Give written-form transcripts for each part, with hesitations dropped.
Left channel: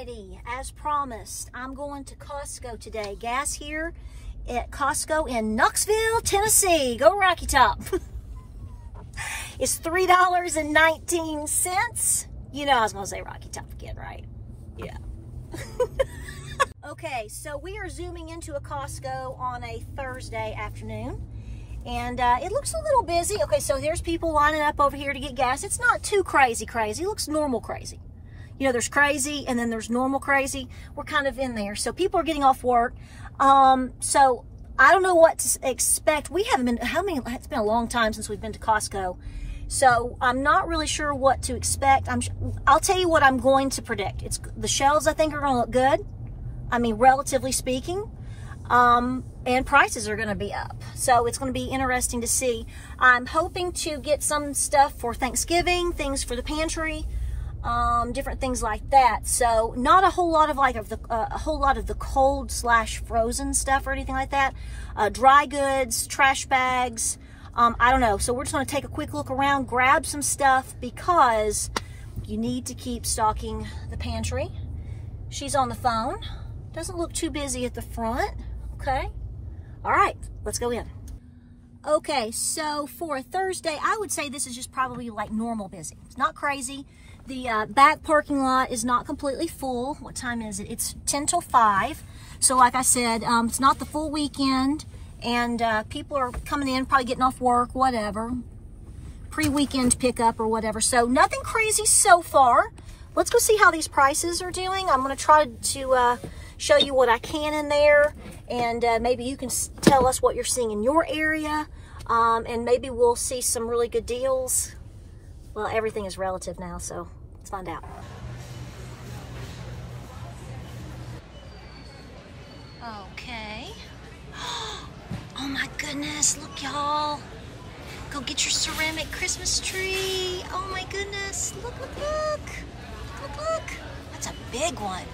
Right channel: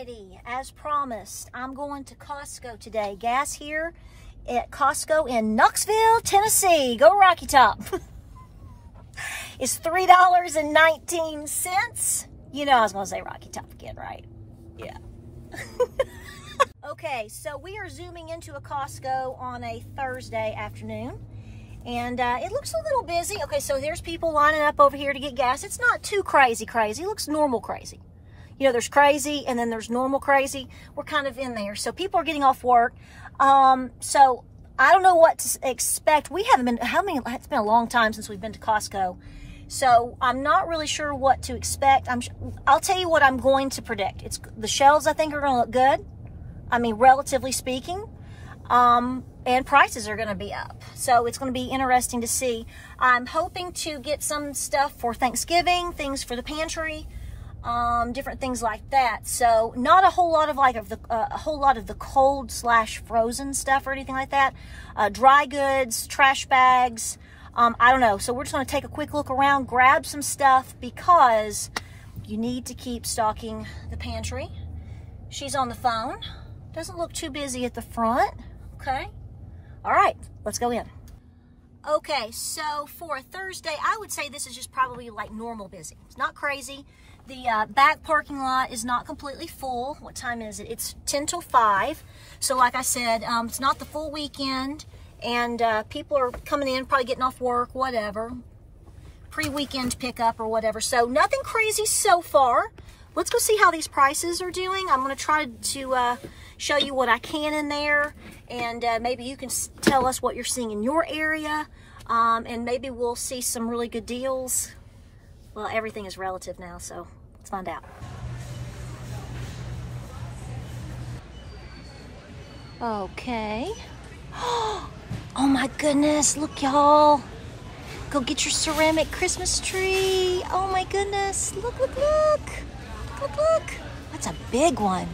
Alrighty, as promised, I'm going to Costco today. Gas here at Costco in Knoxville, Tennessee. Go Rocky Top. It's $3.19. You know I was going to say Rocky Top again, right? Yeah. Okay, so we are zooming into a Costco on a Thursday afternoon. And it looks a little busy. Okay, so there's people lining up over here to get gas. It's not too crazy. It looks normal crazy. You know, there's crazy and then there's normal crazy. We're kind of in there. So people are getting off work. So I don't know what to expect. We haven't been, it's been a long time since we've been to Costco. So I'm not really sure what to expect. I'll tell you what I'm going to predict. The shelves I think are going to look good. I mean, relatively speaking. And prices are going to be up. So it's going to be interesting to see. I'm hoping to get some stuff for Thanksgiving, things for the pantry, different things like that. So not a whole lot of the cold/frozen stuff or anything like that. Dry goods, trash bags. I don't know. So we're just going to take a quick look around, grab some stuff because you need to keep stocking the pantry. She's on the phone. Doesn't look too busy at the front. Okay. All right, let's go in. Okay, so for a Thursday, I would say this is just probably like normal busy. It's not crazy. The back parking lot is not completely full. What time is it? It's 10 till 5. So like I said, it's not the full weekend, and people are coming in, probably getting off work, whatever. Pre-weekend pickup or whatever. So nothing crazy so far. Let's go see how these prices are doing. I'm going to try to show you what I can in there, and maybe you can tell us what you're seeing in your area, and maybe we'll see some really good deals. Well, everything is relative now, so let's find out. Okay. Oh my goodness, look y'all. Go get your ceramic Christmas tree. Oh my goodness, look, look, look. Look, look. That's a big one.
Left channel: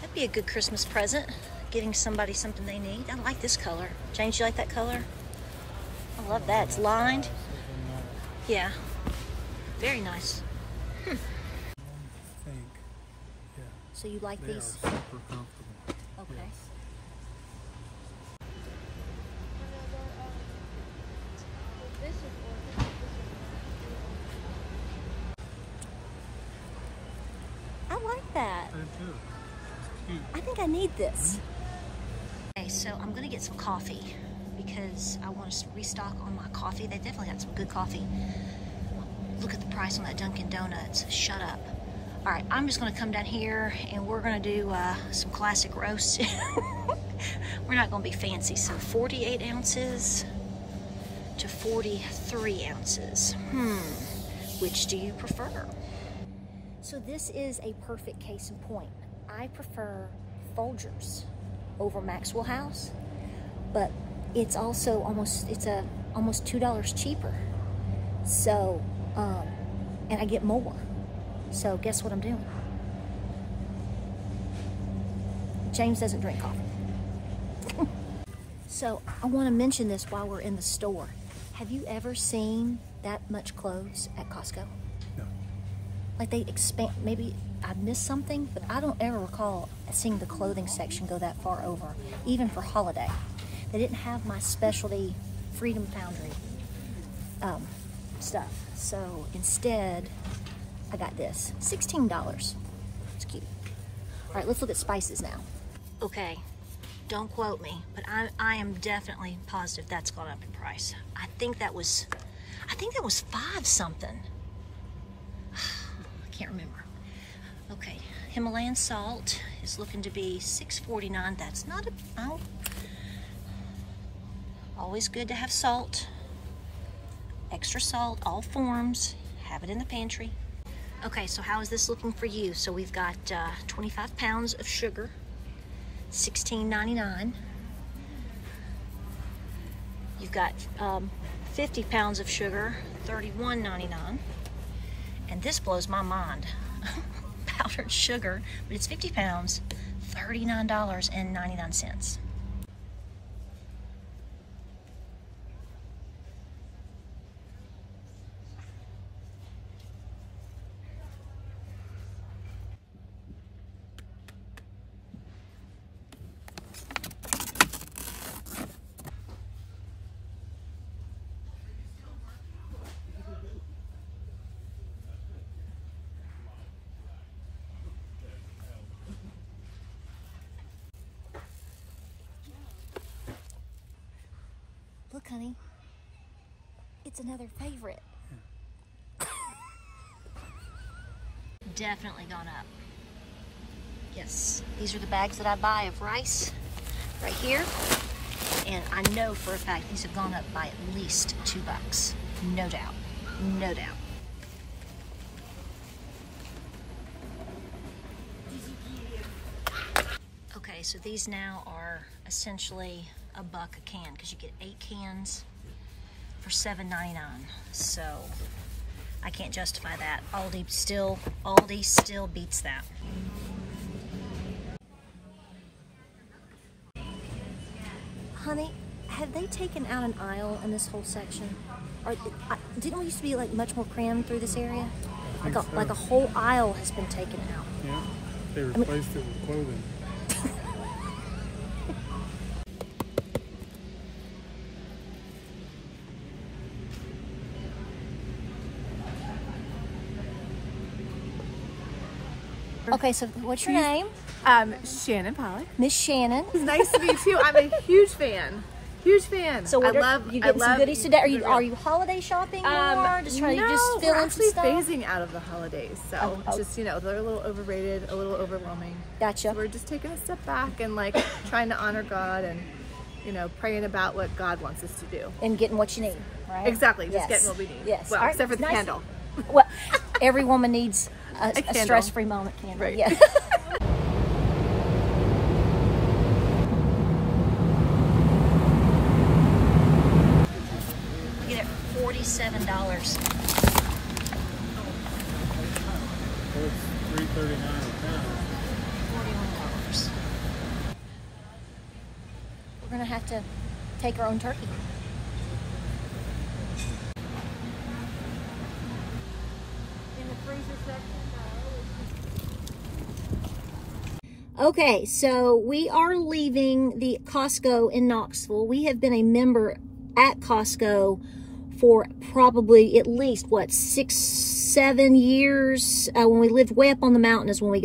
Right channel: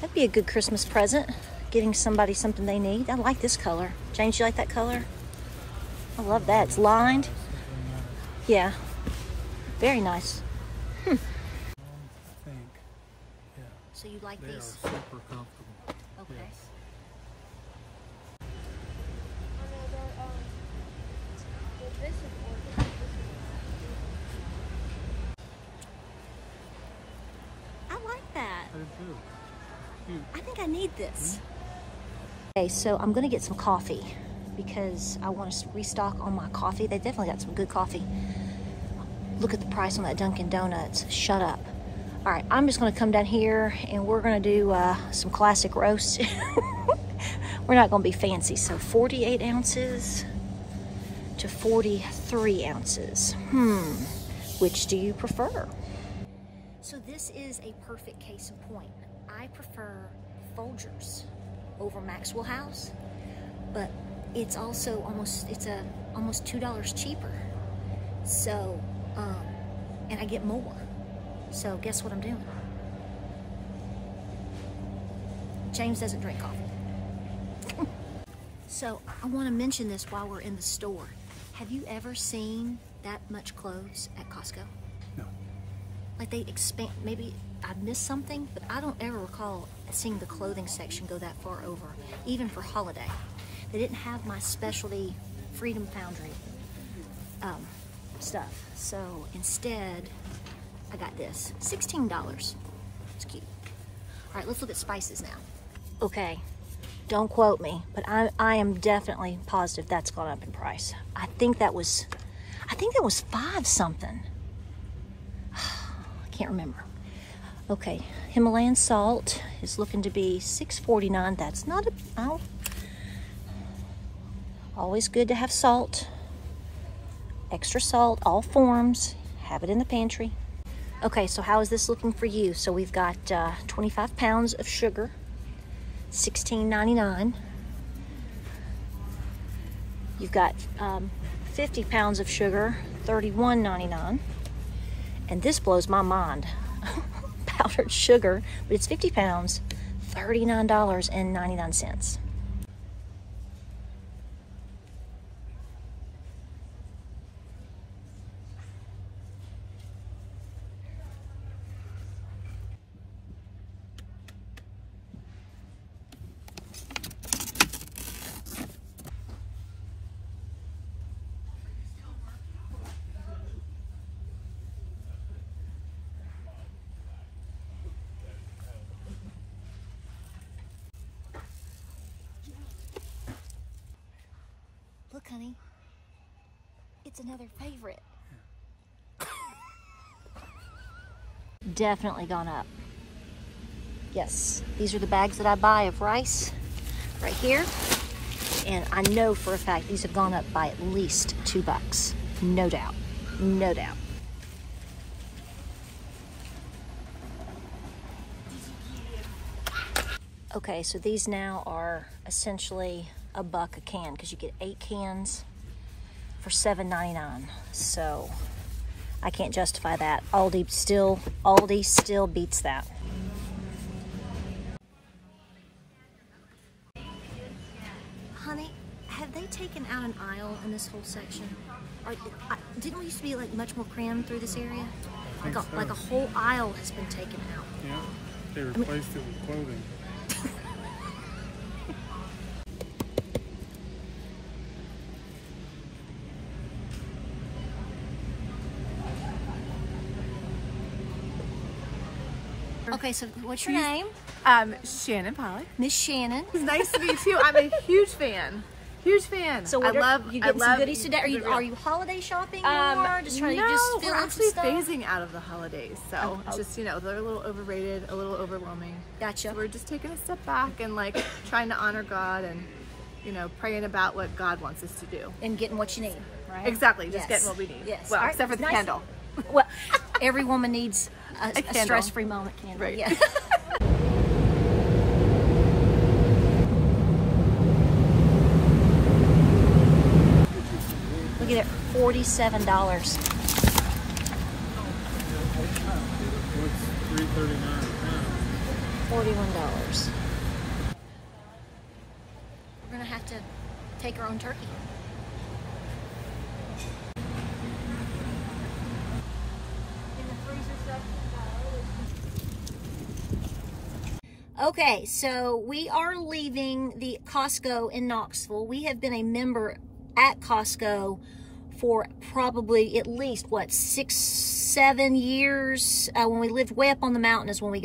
That'd be a good Christmas present, getting somebody something they need. I like this color. James, you like that color? I love that. It's lined. Yeah. Very nice. So you like these? They are super comfortable. Okay. Yes. I like that. I think I need this. Okay, so I'm gonna get some coffee because I want to restock on my coffee. They definitely got some good coffee. Look at the price on that Dunkin' Donuts. Shut up. All right, I'm just gonna come down here and we're gonna do some classic roast. We're not gonna be fancy. So 48 ounces to 43 ounces. Which do you prefer? So this is a perfect case in point. I prefer Folgers over Maxwell House, but it's also almost $2 cheaper. So, and I get more. So guess what I'm doing? James doesn't drink coffee. So I want to mention this while we're in the store. Have you ever seen that much clothes at Costco? No. Like they expand, maybe I missed something, but I don't ever recall seeing the clothing section go that far over, even for holiday. They didn't have my specialty Freedom Foundry stuff. So instead, I got this, $16. It's cute. All right, let's look at spices now. Okay, don't quote me, but I am definitely positive that's gone up in price. I think that was 5 something. I can't remember. Okay, Himalayan salt is looking to be $6.49. That's not always good to have salt. Extra salt, all forms. Have it in the pantry. Okay, so how is this looking for you? So we've got 25 pounds of sugar, $16.99. You've got 50 pounds of sugar, $31.99. And this blows my mind. Powdered sugar, but it's 50 pounds, $39.99. honey. It's another favorite. Definitely gone up. Yes, these are the bags that I buy of rice right here. And I know for a fact these have gone up by at least $2. No doubt. No doubt. Okay, so these now are essentially $1 a can because you get 8 cans for $7.99. So I can't justify that. Aldi still beats that. Honey, have they taken out an aisle in this whole section? Or didn't we used to be like much more crammed through this area? Like a whole aisle has been taken out. Yeah, they replaced it with clothing. Okay, so what's your name? Shannon Pollock. Miss Shannon. Nice to meet you. I'm a huge fan. Huge fan. So what you getting some goodies today? Are you holiday shopping more? Just trying to just fill in some stuff? Phasing out of the holidays. So just, you know, they're a little overrated, a little overwhelming. Gotcha. So we're just taking a step back and like trying to honor God and, you know, praying about what God wants us to do. And getting what you need, right? Exactly. Just getting what we need. Yes. Well, except for the candle. Well, every woman needs a stress-free moment candle. Right. Yeah. Look at it, $47. $41. We're gonna have to take our own turkey. Okay, so we are leaving the Costco in Knoxville. We have been a member at Costco for probably at least, what, 6-7 years. When we lived way up on the mountain is when we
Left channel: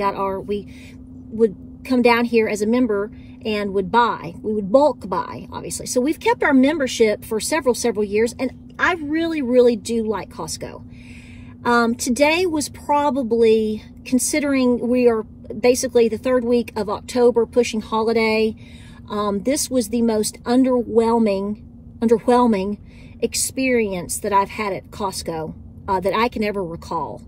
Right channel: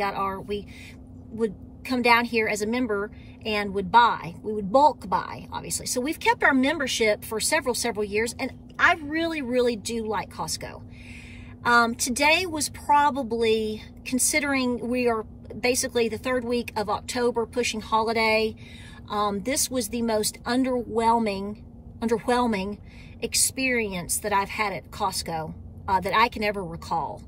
would come down here as a member and would buy. We would bulk buy, obviously. So we've kept our membership for several years, and I really do like Costco. Today was probably, considering we are basically the 3rd week of October pushing holiday, this was the most underwhelming experience that I've had at Costco that I can ever recall.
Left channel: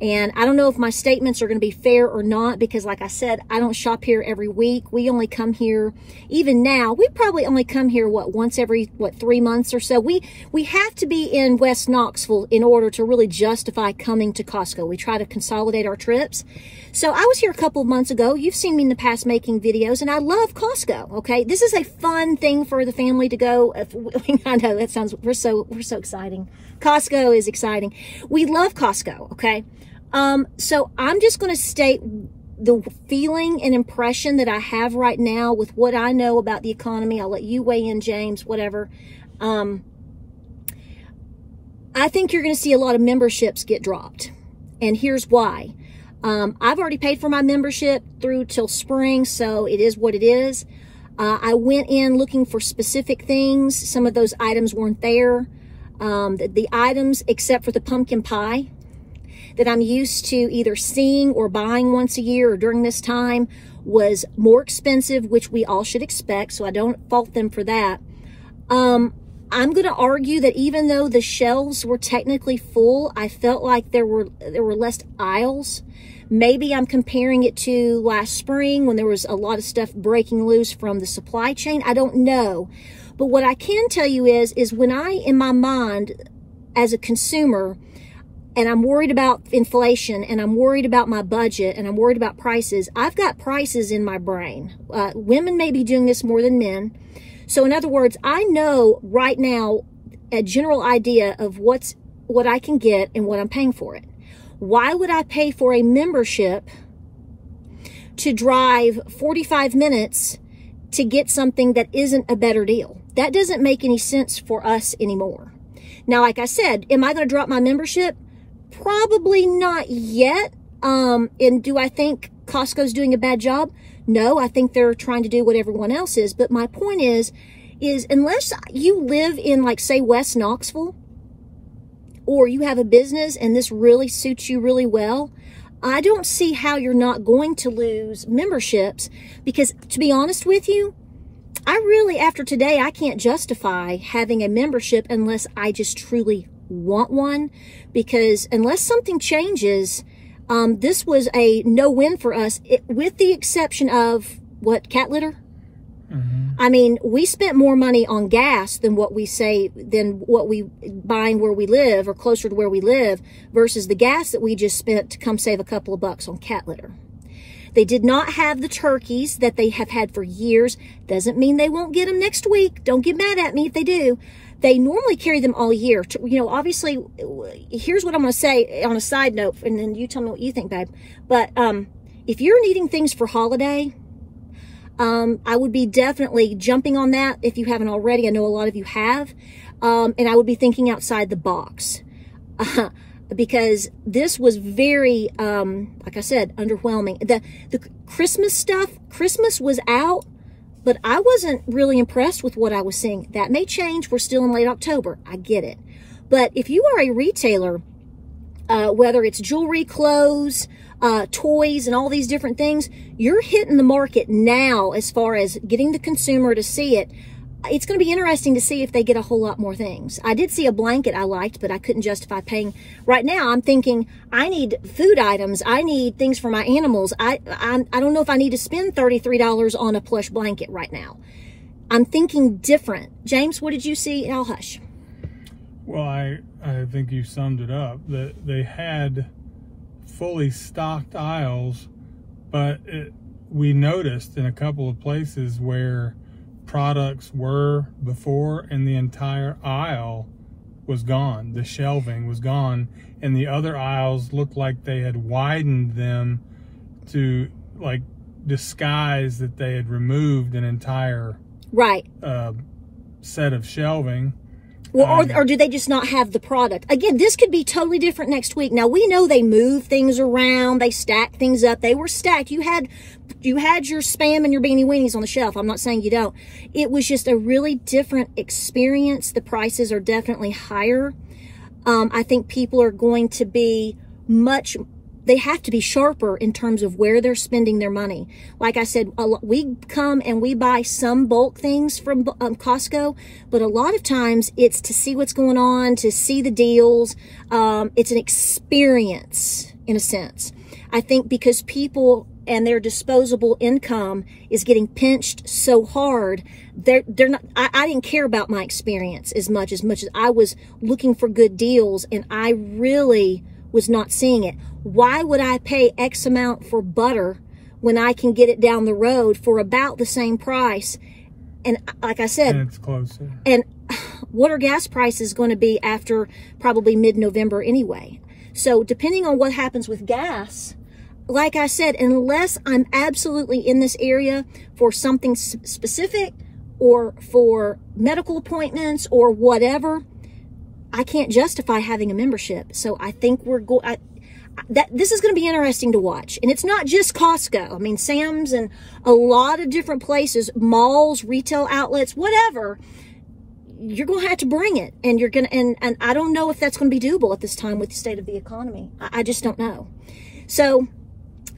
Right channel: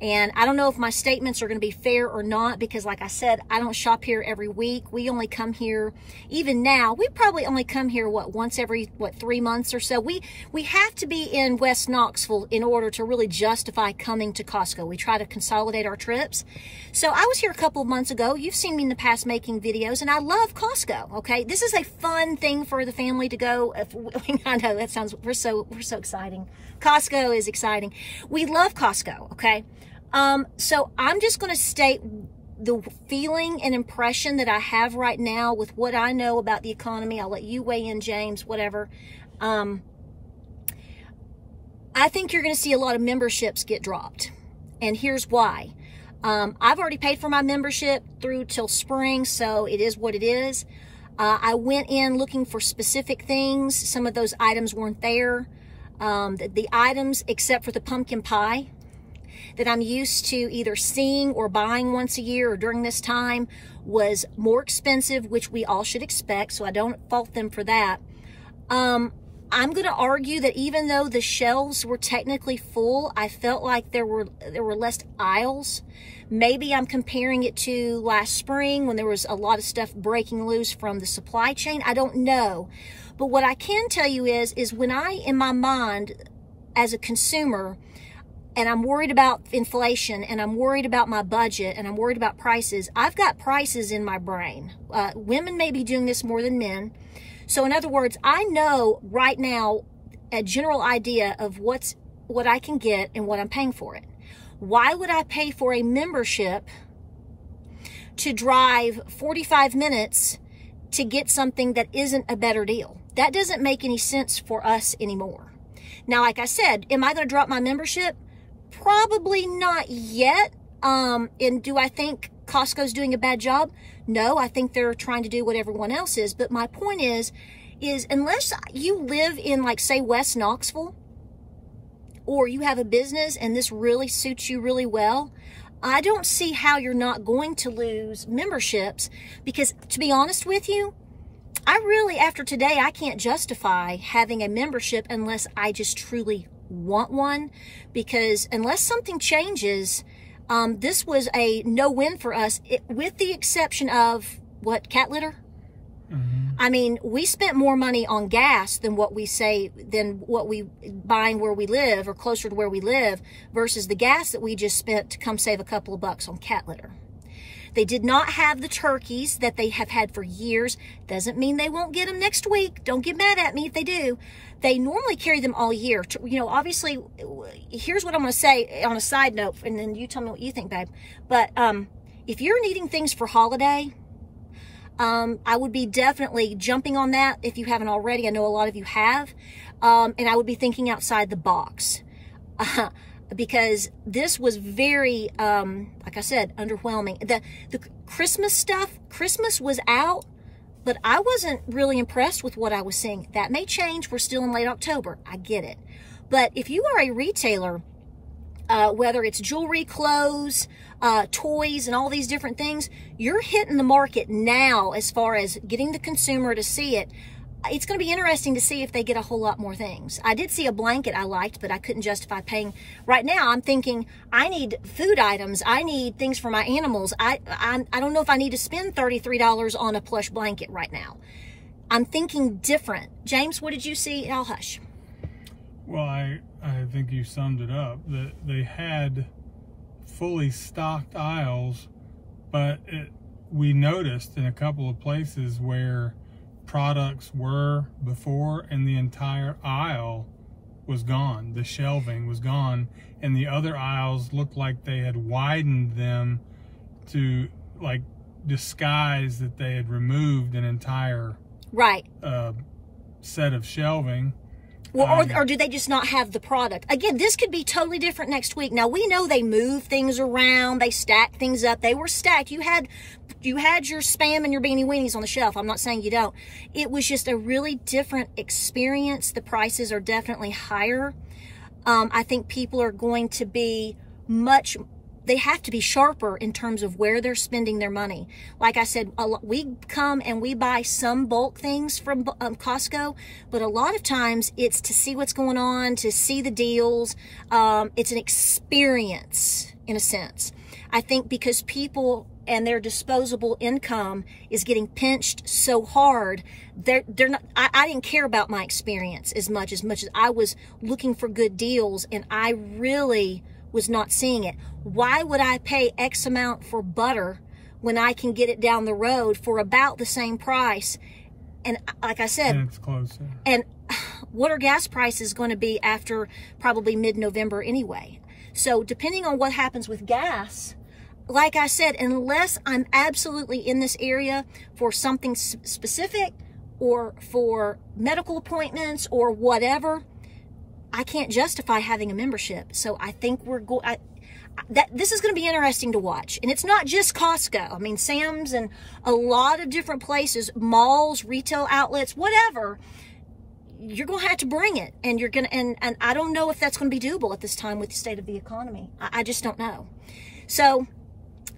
And I don't know if my statements are going to be fair or not, because like I said, I don't shop here every week. We only come here, even now, we probably only come here, once every, 3 months or so. We have to be in West Knoxville in order to really justify coming to Costco. We try to consolidate our trips. So I was here a couple of months ago. You've seen me in the past making videos, and I love Costco, okay? This is a fun thing for the family to go. I know that sounds, we're so exciting. Costco is exciting. We love Costco, okay? So I'm just going to state the feeling and impression that I have right now with what I know about the economy. I'll let you weigh in, James, whatever. I think you're going to see a lot of memberships get dropped. And here's why. I've already paid for my membership through till spring, so it is what it is. I went in looking for specific things. Some of those items weren't there. The items, except for the pumpkin pie, that I'm used to either seeing or buying once a year or during this time, was more expensive, which we all should expect, so I don't fault them for that. I'm going to argue that even though the shelves were technically full, I felt like there were less aisles. Maybe I'm comparing it to last spring when there was a lot of stuff breaking loose from the supply chain. I don't know. But what I can tell you is when I, in my mind, as a consumer, and I'm worried about inflation, and I'm worried about my budget, and I'm worried about prices, I've got prices in my brain. Women may be doing this more than men. So in other words, I know right now a general idea of what I can get and what I'm paying for it. Why would I pay for a membership to drive 45 minutes to get something that isn't a better deal? That doesn't make any sense for us anymore. Now, like I said, am I going to drop my membership? Probably not yet. And do I think Costco's doing a bad job? No, I think they're trying to do what everyone else is. But my point is, is unless you live in, like, say, West Knoxville, or you have a business and this really suits you really well, I don't see how you're not going to lose memberships, because to be honest with you, I really, after today, I can't justify having a membership unless I just truly want one, because unless something changes, this was a no-win for us, with the exception of, what, cat litter? I mean, we spent more money on gas than what we buying where we live or closer to where we live versus the gas that we just spent to come save a couple of bucks on cat litter. They did not have the turkeys that they have had for years. Doesn't mean they won't get them next week. Don't get mad at me if they do. They normally carry them all year. You know, obviously, here's what I'm going to say on a side note, and then you tell me what you think, babe. But if you're needing things for holiday, I would be definitely jumping on that if you haven't already. I know a lot of you have. And I would be thinking outside the box. Because this was very, like I said, underwhelming. The Christmas stuff, Christmas was out, but I wasn't really impressed with what I was seeing. That may change. We're still in late October. I get it. But if you are a retailer, whether it's jewelry, clothes, toys, and all these different things, you're hitting the market now as far as getting the consumer to see it. It's going to be interesting to see if they get a whole lot more things. I did see a blanket I liked, but I couldn't justify paying. Right now, I'm thinking I need food items. I need things for my animals. I don't know if I need to spend $33 on a plush blanket right now. I'm thinking different. James, what did you see? I'll hush. Well, I think you summed it up. That they had fully stocked aisles, but we noticed in a couple of places where products were before and the entire aisle was gone. The shelving was gone, and the other aisles looked like they had widened them to like disguise that they had removed an entire set of shelving. Well, or do they just not have the product? Again, this could be totally different next week. Now, we know they move things around. They stack things up. They were stacked. You had your Spam and your Beanie Weenies on the shelf. I'm not saying you don't. It was just a really different experience. The prices are definitely higher. I think people are going to be they have to be sharper in terms of where they're spending their money. Like I said, we come and we buy some bulk things from Costco, but a lot of times it's to see what's going on, to see the deals. It's an experience in a sense. I think because people and their disposable income is getting pinched so hard, they're not. I didn't care about my experience as much as I was looking for good deals, and I really was not seeing it. Why would I pay X amount for butter when I can get it down the road for about the same price? And like I said, and it's closer. And what are gas prices going to be after probably mid-November anyway? So depending on what happens with gas, like I said, unless I'm absolutely in this area for something specific or for medical appointments or whatever, I can't justify having a membership. So I think this is going to be interesting to watch. And it's not just Costco. I mean, Sam's and a lot of different places, malls, retail outlets, whatever. You're going to have to bring it. And you're going to, and I don't know if that's going to be doable at this time with the state of the economy. I just don't know. So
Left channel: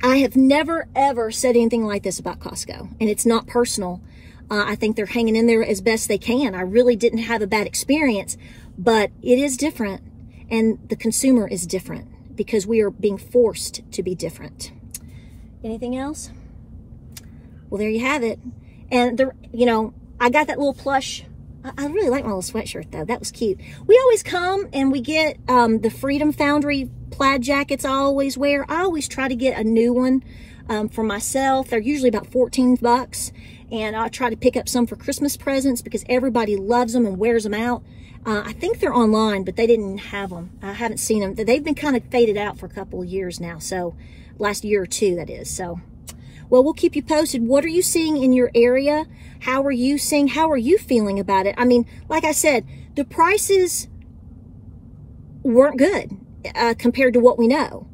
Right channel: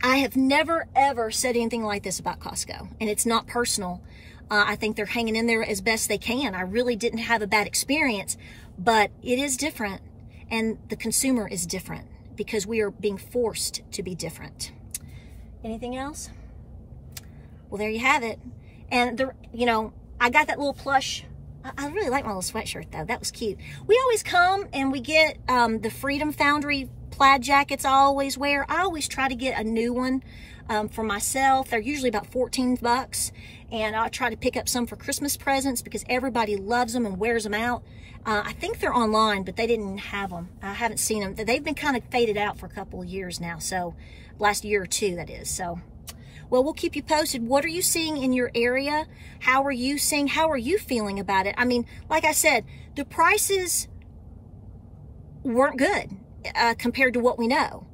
I have never, ever said anything like this about Costco. And it's not personal. I think they're hanging in there as best they can. I really didn't have a bad experience, but it is different. And the consumer is different, because we are being forced to be different. Anything else? Well, there you have it. And I got that little plush. I really like my little sweatshirt though. That was cute. We always come and we get the Freedom Foundry plaid jackets I always wear. I always try to get a new one for myself. They're usually about 14 bucks. And I'll try to pick up some for Christmas presents because everybody loves them and wears them out. I think they're online, but they didn't have them. I haven't seen them. They've been kind of faded out for a couple of years now. So last year or two, that is. So, well, we'll keep you posted. What are you seeing in your area? How are you seeing? How are you feeling about it? I mean, like I said, the prices weren't good compared to what we know.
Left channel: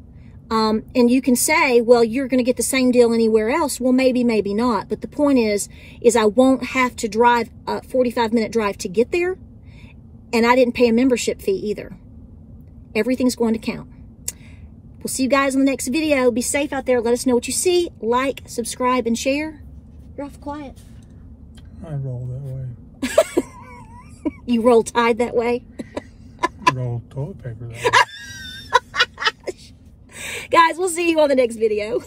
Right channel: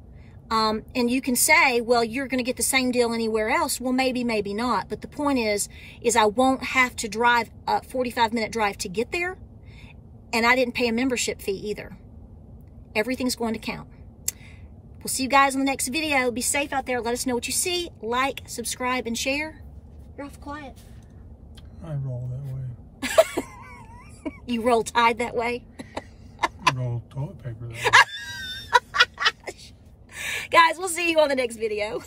And you can say, well, you're going to get the same deal anywhere else. Well, maybe, maybe not. But the point is I won't have to drive a 45-minute drive to get there. And I didn't pay a membership fee either. Everything's going to count. We'll see you guys on the next video. Be safe out there. Let us know what you see. Like, subscribe, and share. You're awful quiet. I roll that way. You roll Tide that way? I roll toilet paper that way. Guys, we'll see you on the next video.